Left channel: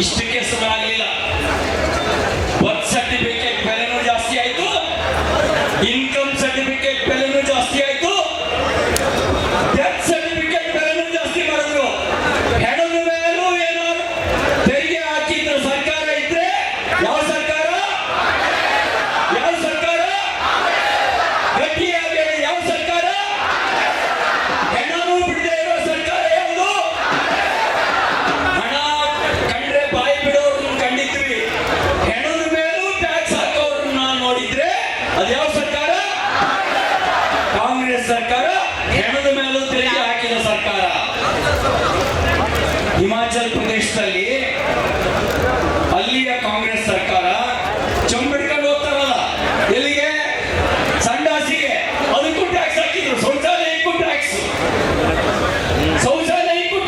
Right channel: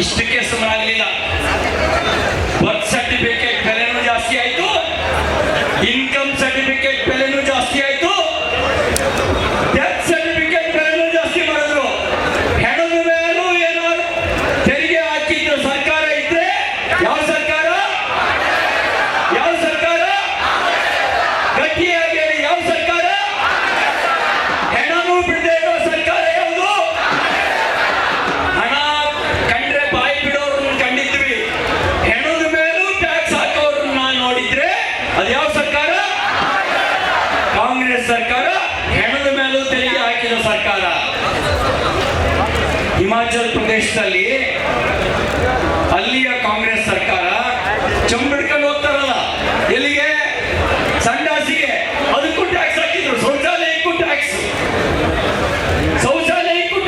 ಇಷ್ಟಕ್ಕೆ ಸಮನಾಗಲಿಲ್ಲ. Birth certificate ಬೆಲೆನೂ ಜಾಸ್ತಿ ಆಯ್ತು, ಇನ್ಕಮ್ ಸರ್ಟಿಫಿಕೇಟ್ ಬೆಲೆನೂ ಜಾಸ್ತಿ ಆಯ್ತು, ಡೆತ್ ಸರ್ಟಿಫಿಕೇಟ್ ಬೆಲೆನೂ ಜಾಸ್ತಿ ಮಾಡಿದ್ರು. ಹೆಣದ ಮೇಲೂ ಏನಾದ್ರು ತೆರಿಗೆ ಹಾಕಿದ್ರು ಸರ್ಕಾರ ಇದ್ರೆ ಯಾವ ಸರ್ಕಾರ? ಯಾವ ಸರ್ಕಾರ? ಗಟ್ಟಿಯಾಗಿ ಯಾವ ಸರ್ಕಾರ? ಹೆಣನೂ ಬಿಡದೆ ಇರೋ ಸರ್ಕಾರ ಯಾವುದು? ಹಣ ಕಂಡ್ರೆ ಬಾಯಿ ಬಿಡೋರನ್ನ ಕಂಡಿದ್ವಿ, ಹೆಣದ ಮೇಲೂ ಟ್ಯಾಕ್ಸ್ ಹಾಕೋರನ್ನ ನೋಡಿದ್ರೆ ಅದು ಯಾವ ಸರ್ಕಾರ? ಕಾಂಗ್ರೆಸ್ ಸರ್ಕಾರ. ಹೆಣದ ಮೇಲೂ ತೆರಿಗೆ ಹಾಕಿದ ಸರ್ಕಾರ. ಹಿಮಾಚಲ ಪ್ರದೇಶದಲ್ಲಿ ಅಲ್ಲಿಯ ಕಾಂಗ್ರೆಸ್ ಸರ್ಕಾರ ಚಂಬಿಡ್ಕೊಂಡು ಹೋಗ್ತಾರಲ್ಲ, ಎಲ್ಲಿಗೆ? ಸಂಡಾಸಿಗೆ. ಅದಕ್ಕೂ ಟ್ಯಾಕ್ಸ್ ಹಾಕಿದ್ರು. ಶೌಚಾಲಯಕ್ಕೂ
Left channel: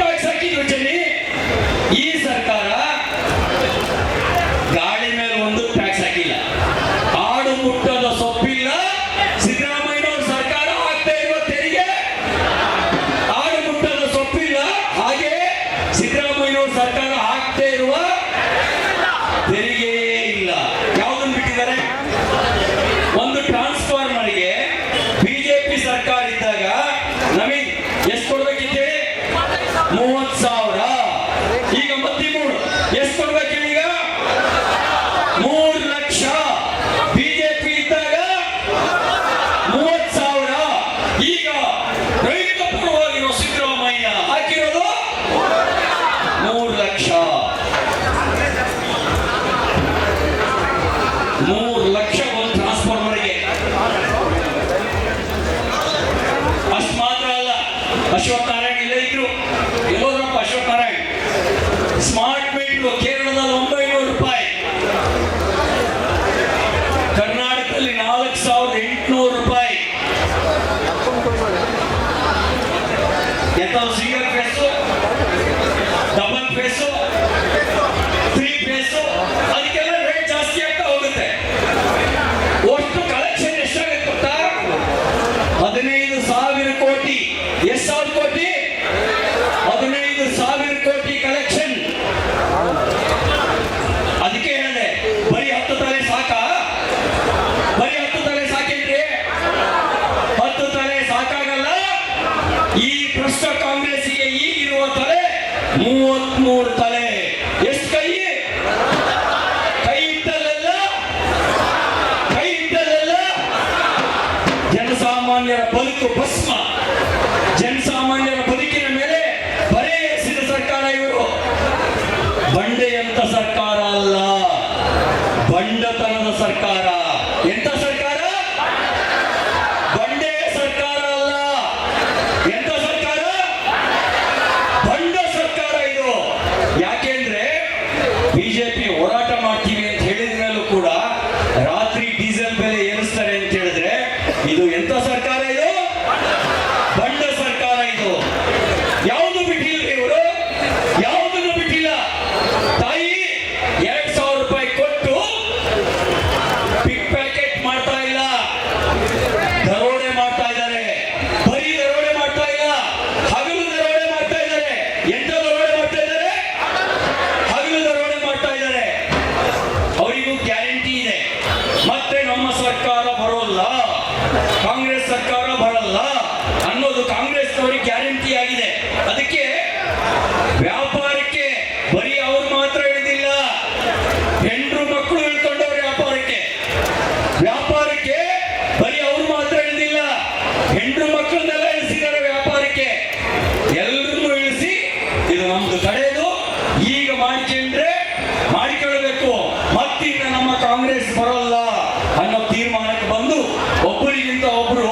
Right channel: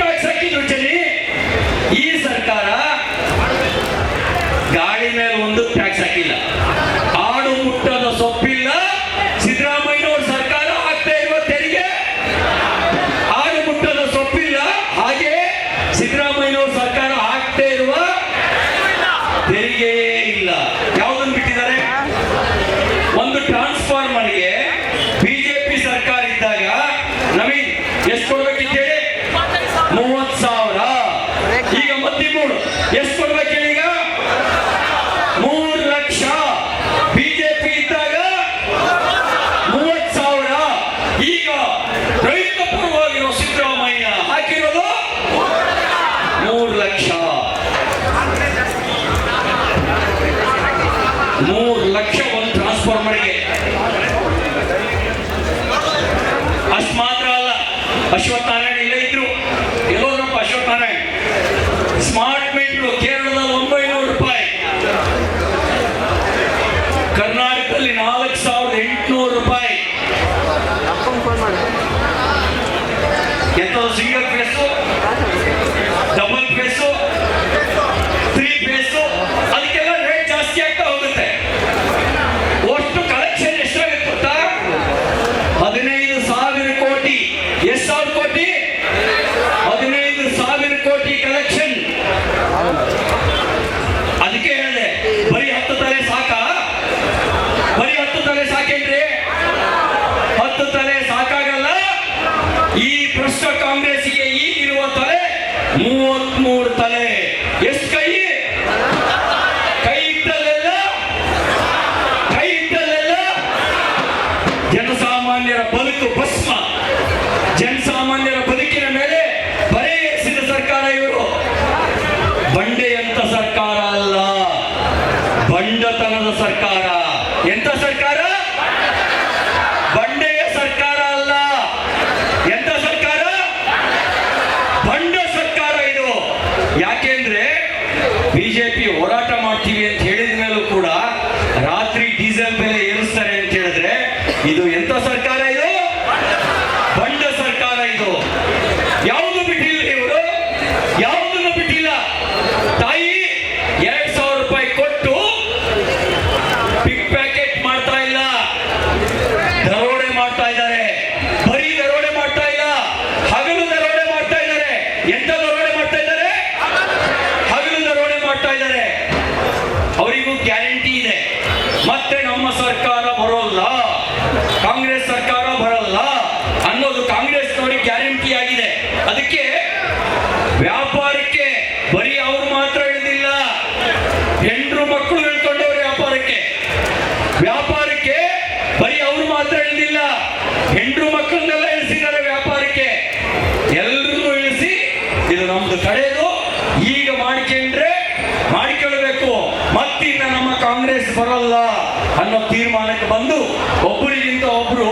ಟ್ಯಾಕ್ಸ್ ಹಾಕಿದ್ರು ಜನಿ. ಈ ಸರ್ಕಾರ ಗಾಡಿ ಮೇಲೆ ಒಂದು ಟ್ಯಾಕ್ಸ್ ಹಾಕಿಲ್ಲ. ಆಡು ಮುಟ್ಟದ ಸೊಪ್ಪಿಲ್ಲ. ಸಿದ್ದರಾಮಯ್ಯನವ್ರ ಸರ್ಕಾರ ಹಾಕ್ತಾ ಇರುವ ತೆರಿಗೆ ಆಡು ಮುಟ್ಟದ ಸೊಪ್ಪಿಲ್ಲ. ಹಾಗೆ ಸಿದ್ದರಾಮಯ್ಯನವ್ರ ಸರ್ಕಾರ ಹಾಕ್ತಾ ಇರುವ ತೆರಿಗೆ ಇಲ್ಲ. ಯಾವುದನ್ನು ಬಿಟ್ಟಿದ್ದಾರೆ? ಒಂದು ಟ್ರಾನ್ಸ್ಫಾರ್ಮರ್ಗೆ ಬಿಜೆಪಿ ಸರ್ಕಾರ ಇದ್ದಾಗ ನಮಗೆ ಎಷ್ಟು ಕೊಡ್ಬೇಕಿದೆ? 30,000. ಈಗ 13. ಎಷ್ಟು ಕೊಡ್ಬೇಕು ಈಗ? 3 ಲಕ್ಷ. ಬಿಜೆಪಿ ಇದ್ದಾಗ 30,000. ಈಗ ರೈತ ಪರವಾಗಿರೋ ಸಿದ್ದರಾಮಯ್ಯ ಹಾಕಿರೋದು 3 ಲಕ್ಷ. 3 ಲಕ್ಷ ಒಂದು ಟ್ರಾನ್ಸ್ಫಾರ್ಮರ್ಗೆ. ಅಷ್ಟು ಮಾತ್ರ ಅಲ್ಲ, ಅಶ್ವತ್ಥ ನಾರಾಯಣ ಇಲ್ಲೇ ಇದ್ರು. ಎಲ್ಲೋದ್ರಪ್ಪ ಅಶ್ವತ್ಥ ನಾರಾಯಣ? ಸ್ಮಾರ್ಟ್ ಮೀಟರ್ ಕೇರಳದಲ್ಲಿ 900 ರೂಪಾಯಿ, ಕರ್ನಾಟಕದಲ್ಲಿ 4,800 ರೂಪಾಯಿ. ಎಂತ single phase, double phase, 3 phase, ಅದಕ್ಕೆಲ್ಲ ರೇಟ್ ಜಾಸ್ತಿ ಆಗ್ತಾ ಹೋಗುತ್ತೆ. ಒಟ್ಟು ಕಲೆಕ್ಷನ್ ಎಷ್ಟಾಗುತ್ತೆ ಗೊತ್ತಾ? 15,000 ಕೋಟಿ. ಎಷ್ಟು ಸಾವಿರ ಕೋಟಿ? 15,000 ಕೋಟಿ ಕಲೆಕ್ಷನ್. ಅದಕ್ಕೆ ಹೇಳಿದೆ, ಬರೀ 10 ತಲೆ ಸಾಕಾ? ಬರೀ 10 ತಲೆ ಸಾಕೇನ್ರಿ? 10 ತಲೆ ಸಾಕಾಗಲ್ಲ. ಈ ಭ್ರಷ್ಟ ಕಾಂಗ್ರೆಸ್ಗೆ ಈಗಿರುವ ತಲೆ 33 ತಲೆ. ಎಷ್ಟು ಕೈ? ಕೈ ಇಟ್ಟಲ್ಲೆಲ್ಲ ಜನಸಾಮಾನ್ಯರ ಬದುಕು ಭಸ್ಮ. ಜನಸಾಮಾನ್ಯರ ಬದುಕಿನ ಮೇಲೆ ಬರೆ ಎಸೆದ ಸರ್ಕಾರ ಇವರು. ಬಂಡೆಯಂತ ಸರ್ಕಾರ ಅಲ್ಲ, ಬಂಡತನದ ಸರ್ಕಾರ. ಎಂತ ಸರ್ಕಾರ? ಬಂಡೆಯ ಸರ್ಕಾರ ಅಲ್ಲ. ಎಂತ ಸರ್ಕಾರ? ಬಂಡ ಸರ್ಕಾರ ಇದು. ಯಾಕೆಂದ್ರೆ ಬಿಜೆಪಿ ಹೋರಾಟ ಮಾಡ್ತೀವಿ ಅಂತ ಹೇಳಿದ ಮೇಲೂ ಕೂಡ ರಾತ್ರಿ ಡೀಸೆಲ್ ಬೆಲೆ ಏರಿಸ್ತಾರೆ ಅಂತ ಹೇಳಿದ್ರೆ ಇದು ಎಂತ ಸರ್ಕಾರ? ಇದು ಬಂಡ ಸರ್ಕಾರ. ಇದು ಯಾವುದು ಬಿಟ್ಟಿಲ್ಲ ಇವರು, ಯಾವುದನ್ನು ಬಿಟ್ಟಿಲ್ಲ. ತಾಯಿ 2,000 ರೂಪಾಯಿ ಕೊಟ್ಟು ಪಿಕ್ ಪ್ಯಾಕೆಟ್ ಮಾಡ್ತಾ ಇಲ್ಲ, ದರೋಡೆ ಮಾಡ್ತಾ ಇದ್ದಾರೆ. ಬರೀ ದರೋಡೆ ಮಾಡ್ತಾ ಇಲ್ಲ, ಹಗಲು ದರೋಡೆ ಮಾಡ್ತಾ ಇದ್ದಾರೆ. ಎಂತ ದರೋಡೆ ಮಾಡ್ತಾ ಇದ್ದಾರೆ? ಹಗಲು ದರೋಡೆ ಮಾಡ್ತಾ ಇದ್ದಾರೆ. ಅವರಿಗೂ ಗ್ಯಾರಂಟಿ ಇದೆ, ಮತ್ತೆ ನಮ್ಮ ಸರ್ಕಾರ ಬರೋಲ್ಲ, ಕಾಂಗ್ರೆಸ್ ಸರ್ಕಾರ ಬರಲ್ಲ ಅನ್ನೋದು ಕಾಂಗ್ರೆಸ್ನವರಿಗೆ ಗ್ಯಾರಂಟಿ ಆಗಿದೆ. ಅದಕ್ಕೆ ವ್ಯಾಪಾರಕ್ಕೆ ಬರೀ ಅವ್ರು ಮಾತ್ರ ಇಳಿದಿಲ್ಲ, ಹೆಂಡ್ರು ಮಕ್ಕಳು ಇಳ್ಕೊಂಡವ್ರು ವ್ಯಾಪಾರಕ್ಕೆ. ವ್ಯಾಪಾರಕ್ಕೆ ಬರೀ ಅವ್ರು ಮಾತ್ರ ಇಳಿದಿಲ್ಲ, ಹೆಂಡ್ರು ಮಕ್ಕಳನ್ನೆಲ್ಲ ಇಳಿಸಿದ್ದಾರೆ ವ್ಯಾಪಾರಕ್ಕೆ. ಎಲ್ಲರೂ ಇಳಿಸಿ ಇದು ನಮ್ದು ಕಡೆಯದು, ಈಗ ಮಾಡಿಕೊಳ್ಳಬೇಕು, ಮತ್ತಿನ್ನ ನಮ್ಮ ಕಾಂಗ್ರೆಸ್ ಬರಲ್ಲ ಅನ್ನೋ ತೀರ್ಮಾನಕ್ಕೆ ಬಂದು ಒಬ್ಬರಿಗಿಂತ ಒಬ್ರು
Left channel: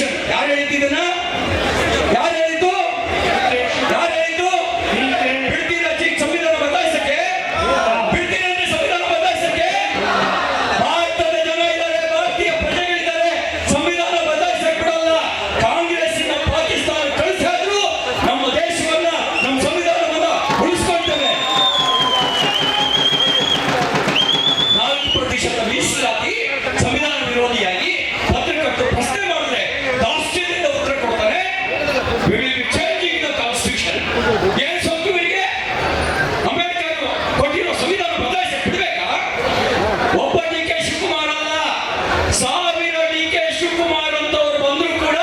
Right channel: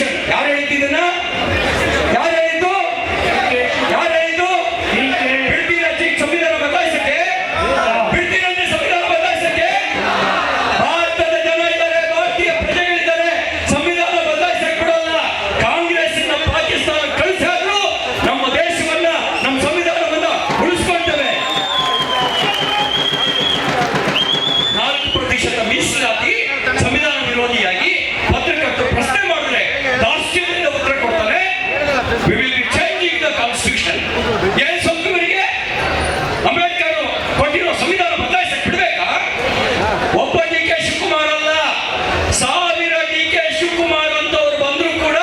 ಕಾನ್ಸ್ಟಿಟ್ಯೂಷನ್. ಯಾರು ಹೇಳ್ತಿದ್ದನ? ಯಾರು ಹೇಳಿದ್ದು? ಯಾರು ಹೇಳಿದ್ದು? ಬಿಡ್ತೀರ ಸಂವಿಧಾನ ಬದಲಾಯಿಸಕ್ಕೆ? ಬಿಡ್ತೀರಂತೆ ಸಂವಿಧಾನ ಬದಲಾಯಿಸಕ್ಕೆ? ಭಾರತದ ಜನ ಇದ್ದಾರೆ, ಭಾರತೀಯ ಪ್ರಜೆಗಳಿದ್ದಾರೆ, ಸಂವಿಧಾನ ಬದಲಾಯಿಸಕ್ಕೆ ಬಿಡಲ್ಲ. ಕಾಂಗ್ರೆಸ್ನ ಪಾಕಿಸ್ತಾನ ಕಳಿಸಾದ್ರು ನಮ್ಮ ದೇಶವನ್ನ, ನಮ್ಮ ಸಂವಿಧಾನವನ್ನ ಉಳಿಸ್ಕೊಳ್ತೇವೆ. 4% ಮೀಸಲಾತಿ ಸಂವಿಧಾನ ವಿರೋಧಿಯಾಗಿ ಪತ್ರಕರ್ತರು ಪ್ರಶ್ನೆ ಮಾಡಿದ್ರೆ ದಾಸ್ಯದಿಂದ ಉತ್ತರ ಕೊಡ್ತಾರೆ. We will be changing the constitution. ಏನ್ ಸಂವಿಧಾನಿಗೆ ಅಂಬೇಡ್ಕರ್ ಕೊಟ್ಟಿರೋ ಸಂವಿಧಾನ ಬದಲಾಯಿಸಕ್ಕೆ ಬಿಡ್ಬೇಕಾ? ಒಬ್ಬ ಡಿ ಕೆ ಶಿವಕುಮಾರ್ ಅಲ್ಲ, 1000 ಡಿ ಕೆ ಶಿವಕುಮಾರ್ ಅಂತವ್ರು ಬಂದ್ರು ಕೂಡ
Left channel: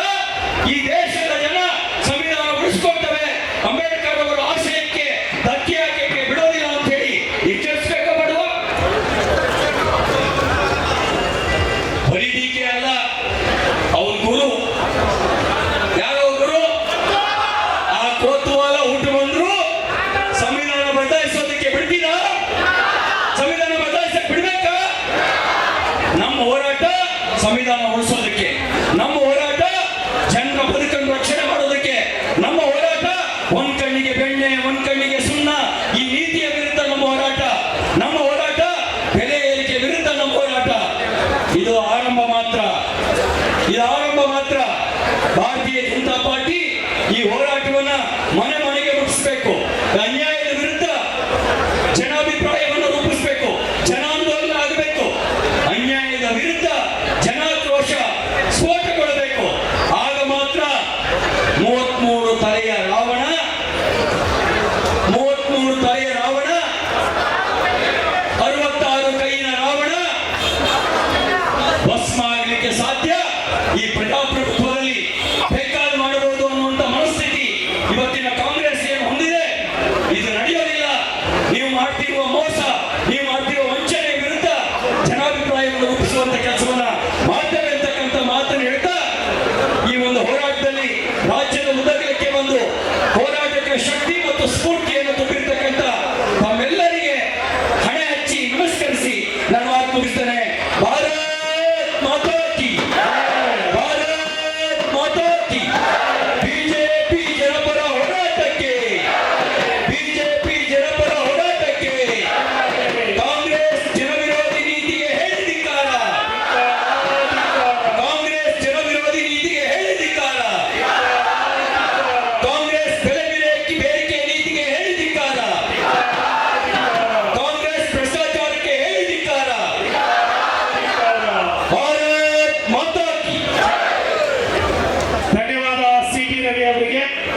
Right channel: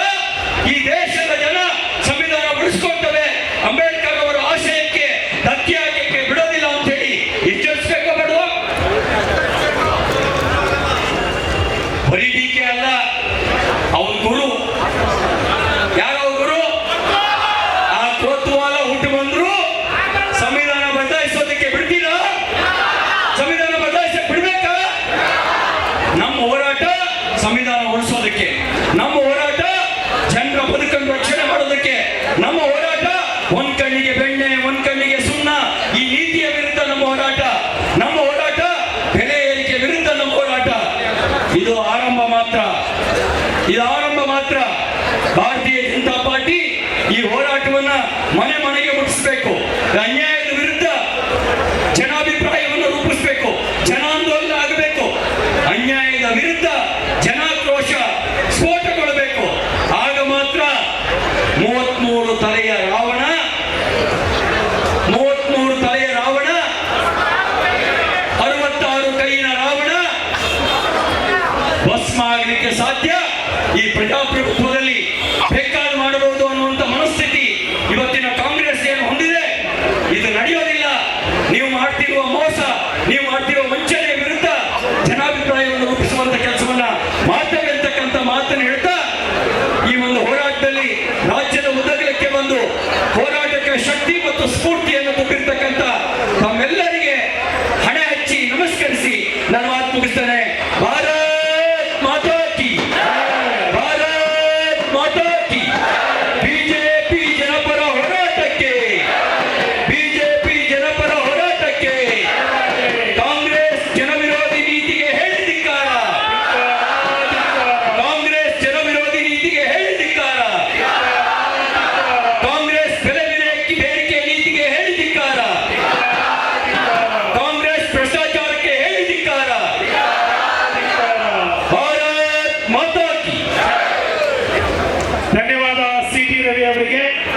ಈ ದೇಶದ ಜನ ಸಂವಿಧಾನ ಉಳಿಸ್ಕೊಳ್ತವೆ, ಅಂಬೇಡ್ಕರ್ ಅವರ ಆಶಯಕ್ಕೆ ಧಕ್ಕೆ ಹಾಕಕ್ಕೆ ಬಿಡೋದಿಲ್ಲ ಅಂತ ಹೇಳಿ ಎಚ್ಚರಿಸಬೇಕು ಬೇಡವಾ? ಬರೀ ಡಿ ಕೆ ಅಲ್ಲ, ಅವ್ರ ಗುರು ಯಾರೋ ಗುರು ಆ ಕೋತ್ವಾಲ ಹುಟ್ಟು ಬಂದ್ರು ಸಂವಿಧಾನ ಬದಲಾಯಿಸೋದಕ್ಕೆ ಬಿಡ್ತೀರಾ? ಸಂವಿಧಾನ ಬದಲಾಯಿಸಕ್ಕೆ ಬಿಡ್ಬೇಕಾ? ನಮ್ಮ ಹೋರಾಟ ಸಂವಿಧಾನ ಉಳಿಸೋದಕ್ಕೆ, ನಮ್ಮ ಹೋರಾಟ ಜನರ ಬದುಕನ್ನು ರಕ್ಷಣೆ ಮಾಡೋದಕ್ಕೆ, ನಮ್ಮ ಹೋರಾಟ ಒಂದ್ ಕಣ್ಣಿಗೆ ಬೆಣ್ಣೆ ಒಂದ್ ಕಣ್ಣಿಗೆ ಸುಣ್ಣ ಈ ನೀತಿಯ ವಿರುದ್ಧ ನಮ್ಮ ಹೋರಾಟ, ನಮ್ಮ ಹೋರಾಟ ಬೆಲೆ ಏರಿಕೆ ವಿರುದ್ಧ ನಮ್ಮ ಹೋರಾಟ. ಇದು ಆರಂಭ ಮಾತ್ರ, ಇದು ಆರಂಭ ಮಾತ್ರ. ಭಾರತೀಯ ಜನತಾ ಪಾರ್ಟಿ ಈ ಹೋರಾಟವನ್ನ ಮನೆ ಮನೆಗೆ ಮುಟ್ಟಿಸಬೇಕು. ಅನ್ಯಾಯದ ವಿರುದ್ಧ ಜನಾಭಿಪ್ರಾಯವನ್ನು ರೂಪಿಸಬೇಕು, ಜನಾಂದೋಲನ ಆಗಬೇಕು. ಅನ್ಯಾಯದ ವಿರುದ್ಧ ಜನಾಕ್ರೋಶ ಸ್ಫೋಟಗೊಳ್ಳಬೇಕು. ಆಗ ಮಾತ್ರ 33 ತಲೆಯ ರಾವಣ, 33 ತಲೆಯ ರಾವಣ, 66 ಕೈಯಿನ ರಾವಣ ಭಸ್ಮ ಆಗಲಿಕ್ಕೆ ಸಾಧ್ಯ. ಈ ಪ್ರಜಾಪ್ರಭುತ್ವದಲ್ಲಿ ಬೇಕಾದ ಮಾಡಬಹುದು ಅನ್ನುವಂತ ಮನಸ್ಥಿತಿ ಇವತ್ತಿನ ಕಾಂಗ್ರೆಸ್ ಏನು ಹೊಂದಿದೆ, ಇದು ನಡೆಯೋದಿಲ್ಲ. ನೀವು ಮಾಡ್ತಿರುವ ಮೋಸ, ನೀವು ಮಾಡ್ತಿರುವ ವಂಚನೆಯ ವಿರುದ್ಧ ಜನಾಭಿಪ್ರಾಯವನ್ನು ರೂಪಿಸುವಂತ ಕೆಲಸವನ್ನ ಮಾಡ್ತೇವೆ ಅಂತಕ್ಕಂಥ ಮಾತನ್ನು ಹೇಳ್ತಾ ಈ ಒಂದು ಹೋರಾಟದಲ್ಲಿ ರಾಜ್ಯದ ಉದ್ದಗಲಕ್ಕೆ ಬಂದು ಹೋರಾಟಕ್ಕೆ ಶಕ್ತಿ ಮತ್ತು ಸ್ಫೂರ್ತಿಯನ್ನು ತುಂಬಿರ್ತಕ್ಕಂಥ ತಮ್ಮೆಲ್ಲರಿಗೆ ಹಣೆ ಹಚ್ಚಿ ನಮಸ್ಕರಿಸಿ ನನ್ನ ಮಾತು ಮುಗಿಸ್ತೇನೆ. ಭಾರತ್ ಮಾತಾ ಕಿ, ಭಾರತ್ ಮಾತಾ ಕಿ. ಬಿಜೆಪಿ ಜನಪರ ಹೋರಾಟಕ್ಕೆ, ಬಿಜೆಪಿ ಜನಪರ ಹೋರಾಟಕ್ಕೆ, ಕಾಂಗ್ರೆಸ್ ಜನವಿರೋಧಿ ನೀತಿಗೆ ಹೇಳಿದಿಕ್ಕಾರ, ಕಾಂಗ್ರೆಸ್ ಜನವಿರೋಧಿ ನೀತಿಗೆ ಹೇಳಿದಿಕ್ಕಾರ, ಕಾಂಗ್ರೆಸ್ ಬೆಲೆ ಬೇಡಿಕೆ ನೀತಿಗೆ ಹೇಳಿದಿಕ್ಕಾರ, ಕಾಂಗ್ರೆಸ್ ಭ್ರಷ್ಟಾಚಾರಕ್ಕೆ ಹೇಳಿದಿಕ್ಕಾರ. ಭಾರತ್ ಮಾತಾ ಕಿ. ಧನ್ಯವಾದ ಸಿ ಟಿ ರವಿ ಅವರಿಗೆ.